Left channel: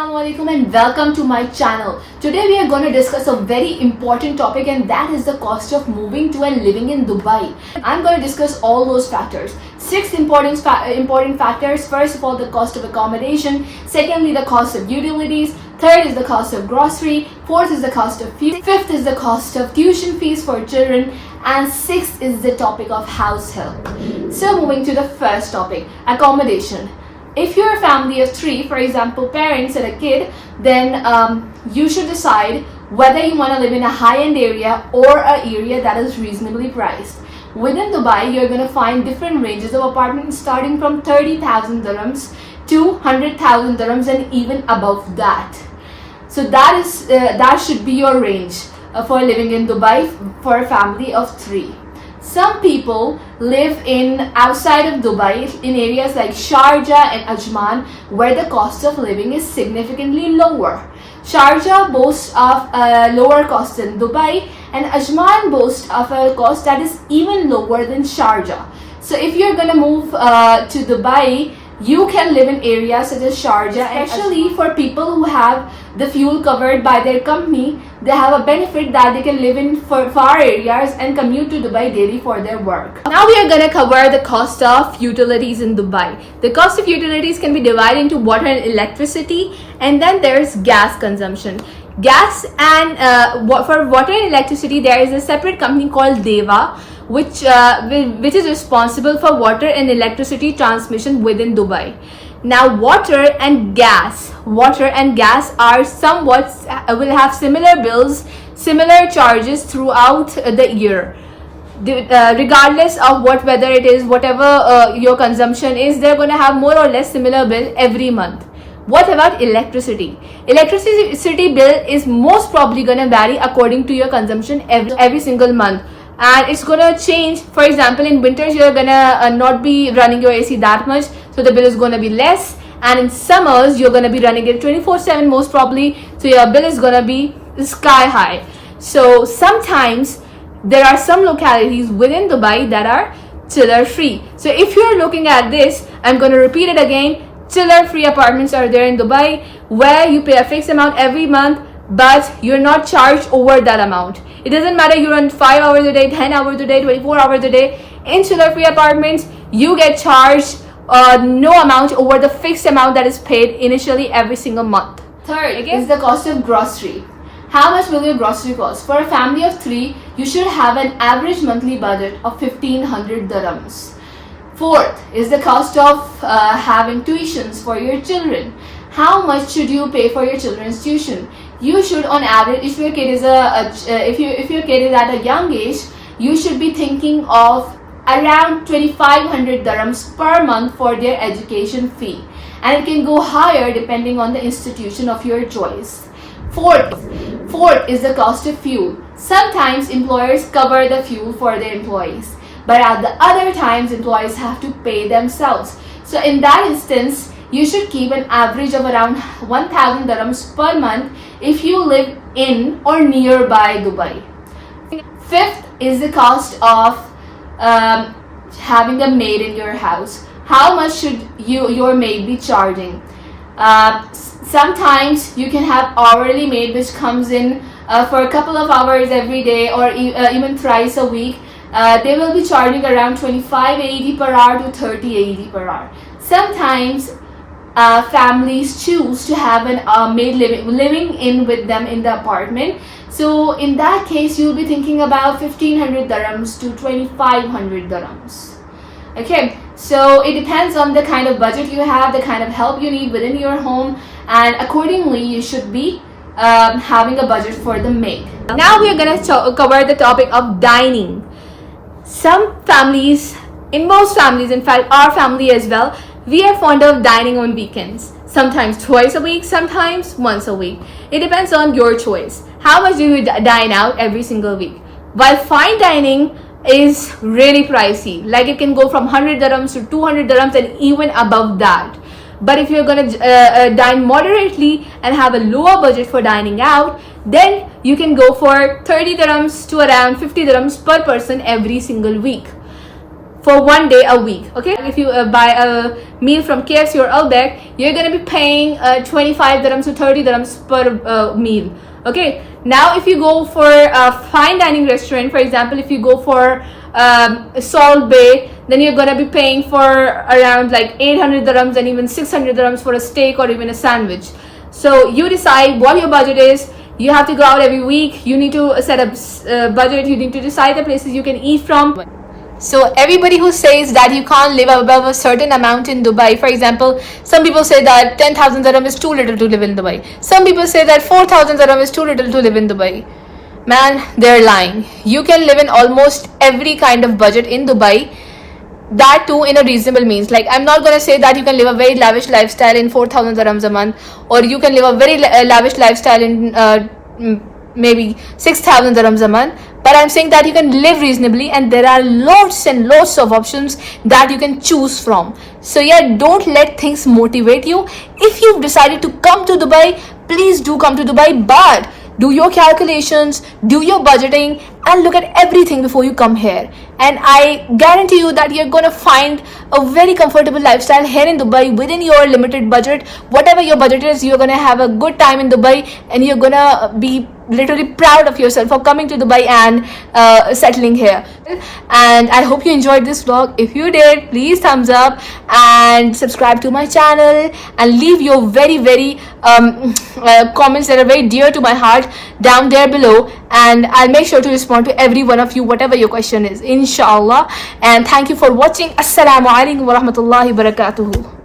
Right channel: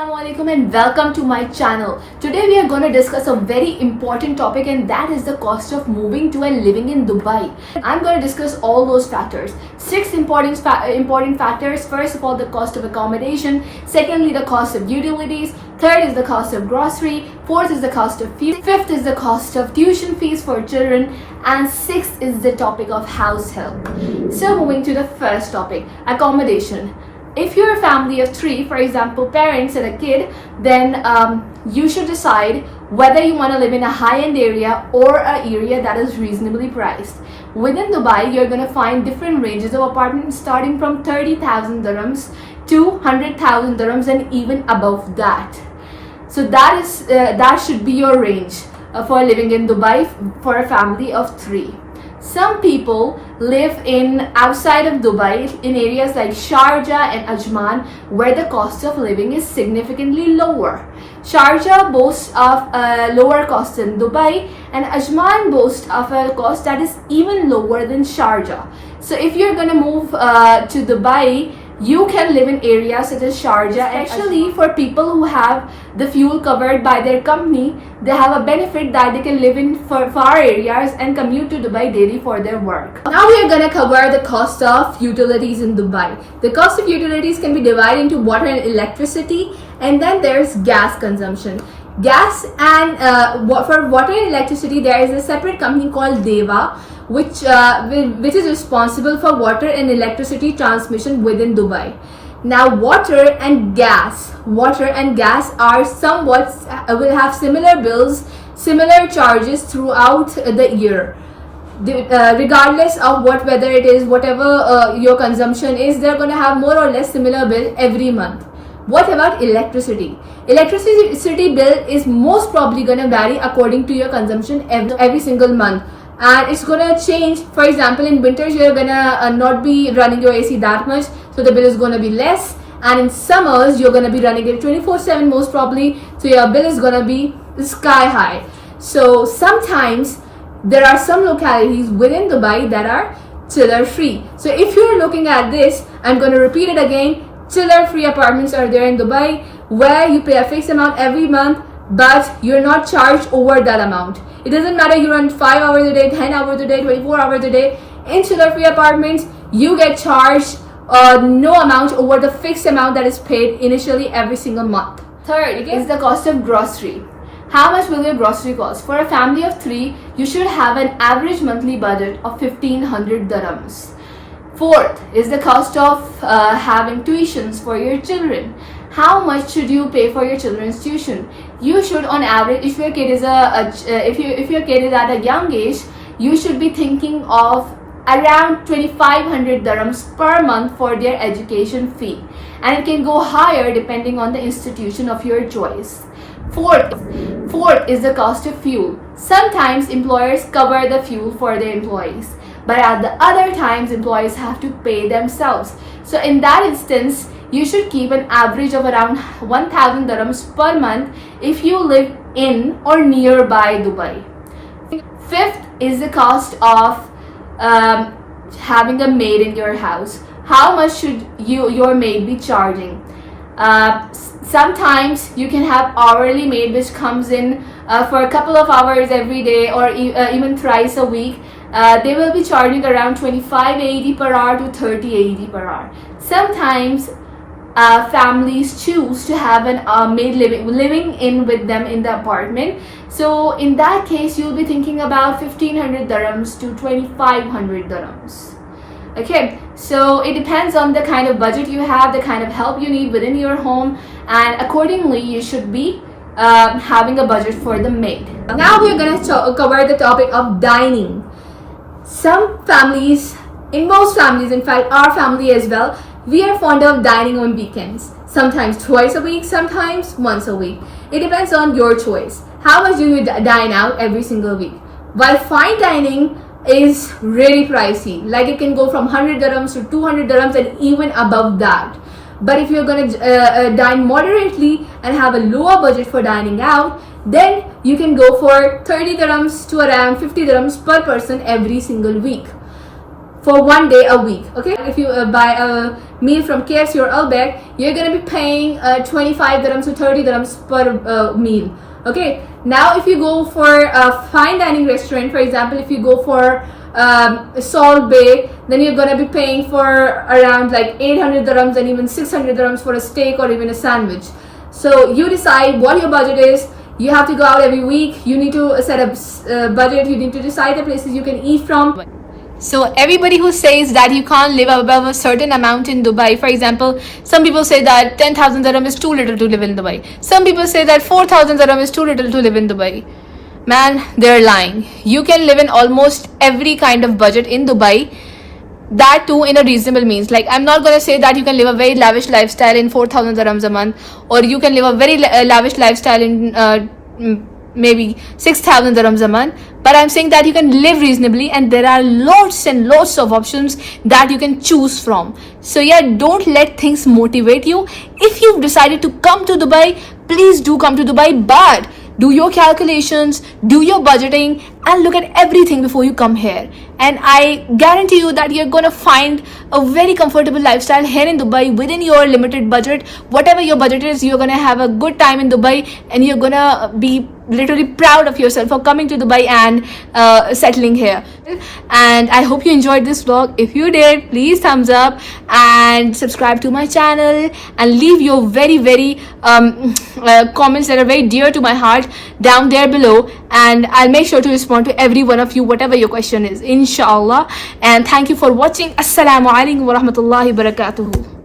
Assalamualaikum and welcome to my channel. Today we are going to discuss a very important topic, and that is the cost of moving to and living in Dubai. I'm going to discuss all those factors. Six important factors. First of all, the cost of accommodation. Secondly, the cost of utilities. Third is the cost of grocery. Fourth is the cost of fees. Fifth is the cost of tuition fees for children. And sixth is the topic of house help. So moving to the first topic, accommodation. If you're a family of three, for example, parents and a kid, then you should decide whether you want to live in a high-end area or an area that is reasonably priced. Within Dubai, you're going to find different ranges of apartments starting from 30,000 dirhams to 100,000 dirhams and even above that. So that should be your range for living in Dubai for a family of three. Some people live in outside of Dubai in areas like Sharjah and Ajman, where the cost of living is significantly lower. Sharjah boasts of a lower cost than Dubai, and Ajman boasts of a cost that is even lower than Sharjah. So if you're gonna move to Dubai, you can live in areas such as Sharjah, especially for people who have the fuel covered by their company. They have a benefit that they can live in far areas and commute to Dubai daily for their work. Now we are going to cover the cost of utilities in Dubai. The cost of utilities can be divided into water and electricity, and then there's gas consumption. Gas and for water and electricity, there is a separate company called Deva, which is responsible for water and electricity transmission within Dubai. Now water and gas are somewhat will have similar bills, similar charges throughout the year. Regardless of what weather it is, whatever your consumption is, they're going to have more or less similar bill every month. What about electricity? Electricity bill is most probably going to vary according to your consumption every single month. And it's gonna change. For example, in winters you're gonna not be running your AC that much, so the bill is gonna be less. And in summers you're gonna be running it 24/7 most probably, so your bill is gonna be sky high. So sometimes there are some localities within Dubai that are chiller free. So if you're looking at this, I'm gonna repeat it again. Chiller free apartments are there in Dubai where you pay a fixed amount every month, but you're not charged over that amount. It doesn't matter you run 5 hours a day, 10 hours a day, 24 hours a day. In chiller free apartments, you get charged no amount over the fixed amount that is paid initially every single month. Third is the cost of grocery. How much will your grocery cost? For a family of three, you should have an average monthly budget of 1500 dirhams. Fourth is the cost of having tuitions for your children. How much should you pay for your children's tuition? You should, on average, if your kid is if your kid is at a young age, you should be thinking of around 2500 dirhams per month for their education fee, and it can go higher depending on the institution of your choice. Fourth is the cost of fuel. Sometimes employers cover the fuel for their employees, but at the other times employees have to pay themselves. So in that instance, you should keep an average of around 1000 dirhams per month if you live in or nearby Dubai. Fifth is the cost of having a maid in your house. How much should your maid be charging? Sometimes you can have hourly maid which comes in for a couple of hours every day or even thrice a week. They will be charging around 25.80 per hour to 30.80 per hour. Sometimes families choose to have a maid living in with them in the apartment. So in that case, you'll be thinking about 1500 dirhams to 2500 dirhams. Okay, so it depends on the kind of budget you have, the kind of help you need within your home, and accordingly you should be having a budget for the maid. Now we are going to cover the topic of dining. Some families, in most families, in fact our family as well, we are fond of dining on weekends. Sometimes twice a week, sometimes once a week. It depends on your choice. How much do you dine out every single week? While fine dining is really pricey, like it can go from 100 dirhams to 200 dirhams and even above that. But if you're going to dine moderately and have a lower budget for dining out, then you can go for 30 dirhams to around 50 dirhams per person every single week. for 1 day a week. Okay, if you buy a meal from KFC or Outback, you're gonna be paying 25 dirhams to 30 dirhams per meal. Okay, now if you go for a fine dining restaurant, for example, if you go for Salt Bay, then you're gonna be paying for around like 800 dirhams and even 600 dirhams for a steak or even a sandwich. So you decide what your budget is. You have to go out every week. You need to set a budget. You need to decide the places you can eat from. So everybody who says that you can't live above a certain amount in Dubai, for example, some people say that 10,000 dirham is too little to live in Dubai. Some people say that 4,000 dirham is too little to live in Dubai. Man, they're lying. You can live in almost every kind of budget in Dubai, that too in a reasonable means. Like, I'm not gonna say that you can live a very lavish lifestyle in 4,000 dirhams a month, or you can live a very lavish lifestyle in maybe 6,000 dirhams a month, but I'm saying that you can live reasonably, and there are lots and lots of options that you can choose from. So yeah, don't let things motivate you. If you've decided to come to Dubai, please do come to Dubai, but do your calculations, do your budgeting, and look at everything before you come here. And I guarantee you that you're gonna find a very comfortable lifestyle here in Dubai within your limited budget. Whatever your budget is, you're gonna have a good time in Dubai, and you're gonna be literally proud of yourself for coming to Dubai and settling here. And I hope you enjoyed this vlog. If you did, please thumbs up and subscribe to my channel, and leave your very comments that are very dear to my heart down there below, and I'll make sure to respond to every one of you, whatever your question is, inshallah. And thank you for watching. Assalamu alaikum wa rahmatullahi wa barakatuhu.